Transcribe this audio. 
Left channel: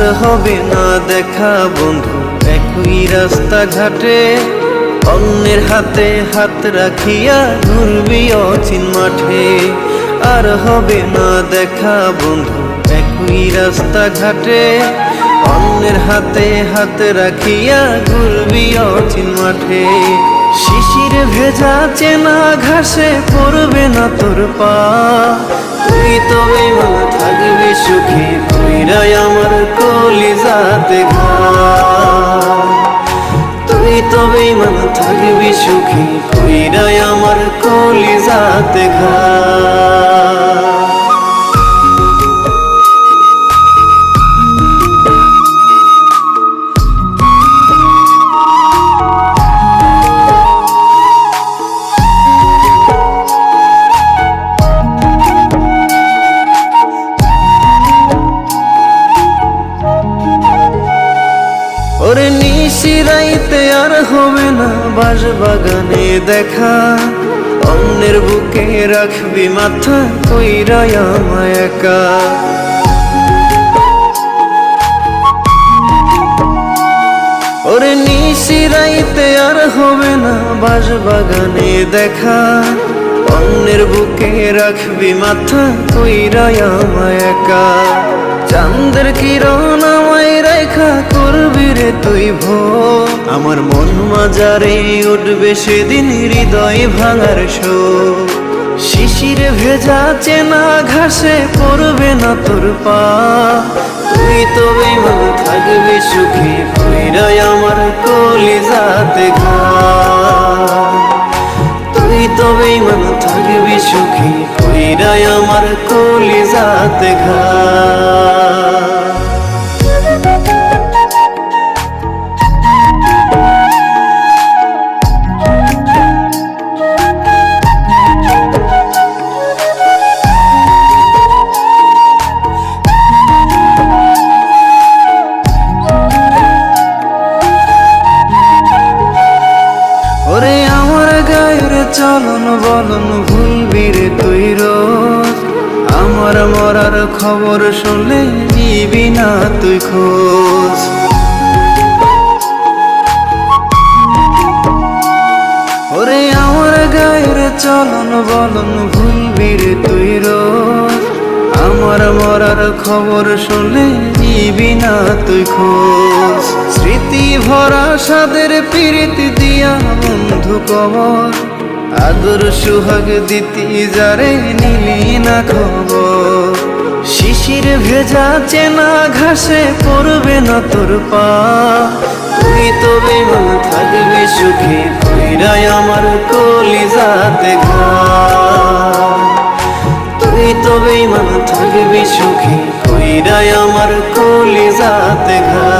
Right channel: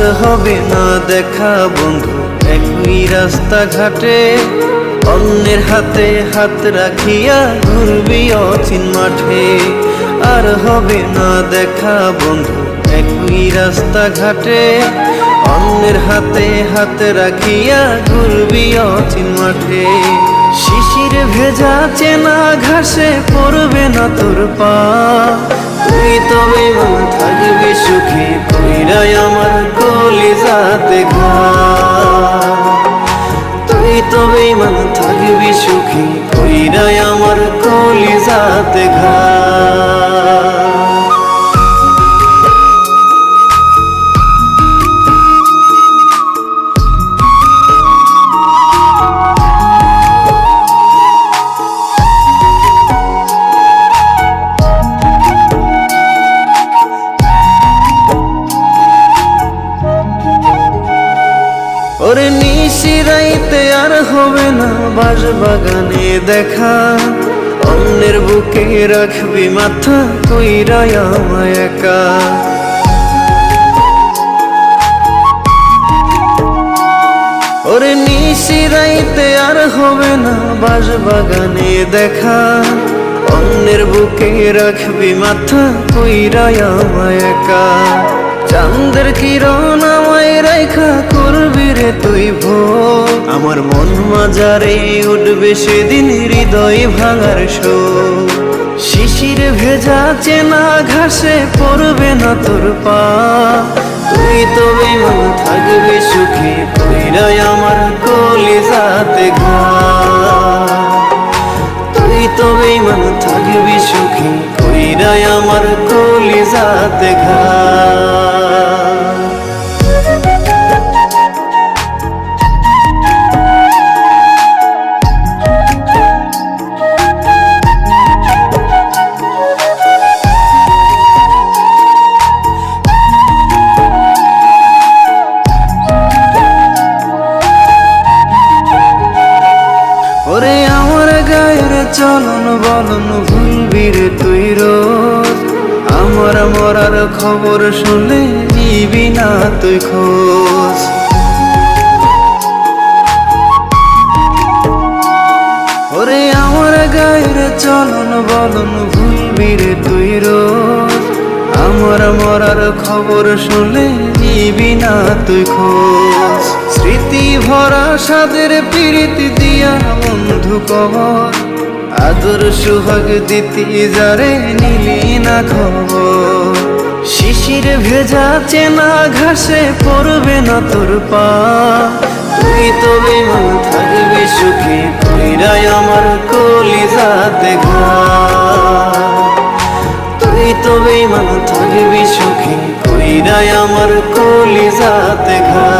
আর হবে না দেখা বন্ধু একই রাস্তাঘাটে, অন্যের হাতে হাত রাখিয়া ঘুরবি অচিন মাঠে। আর হবে না দেখা বন্ধু একই রাস্তাঘাটে, অন্যের হাতে হাত রাখিয়া ঘুরবি অচিন মাঠে। শিশির ভেজা চেনা ঘাসে পড়বে না তোর পা, তুই তো বেঈমান থাকবি সুখী কইরাই আমার কলিজাতে ঘা। তুই তো বেঈমান থাকবি সুখী কইরাই আমার কলিজাতে ঘা। ওরে নিশিরাইতে আর হবে না বাঁশবাগানে দেখা, অন্যের বুকে রাখবি মাথা কইরাই আমায় একা। ওরে নিশিরাইতে আর হবে না বাঁশবাগানে দেখা, অন্যের বুকে রাখবি মাথা কইরাই আমায় একা। চাঁদের কিরণ আমায় রেখা করবি রে তুই ভোর, আমার মন মাজারে উঠবে সেদিন হৃদয় ভাঙার শোক। শিশিরে ভেজা চেনা ঘাসে পড়বে না তোর পা, তুই তো বেঈমান থাকবি সুখী কইরাই আমার কলিজাতে ঘা। তুই তো বেঈমান থাকবি সুখী কইরাই আমার কলিজাতে ঘা। ওরে আমার গায়ের চলন বলন ভুলবি রে তুই রোজ, আমার মরার খবর শুনলে নিবি না তুই খোঁজ। ওরে আমার গায়ের চলন বলন ভুলবি রে তুই রোজ, আমার মরার খবর শুনলে নিবি না তুই খোঁজ। স্মৃতি ভরা সাদের প্রীতি দিয়া বন্ধু কবর, আদর সুহাগ দিতি যারে নিলি না খবর। শিশির ভেজা চেনা ঘাসে পড়বে না তোর পা, তুই তো বেঈমান থাকবি সুখী কইরাই আমার কলিজাতে ঘা। তুই তো বেঈমান থাকবি সুখী কইরাই আমার কলিজাতে ঘা।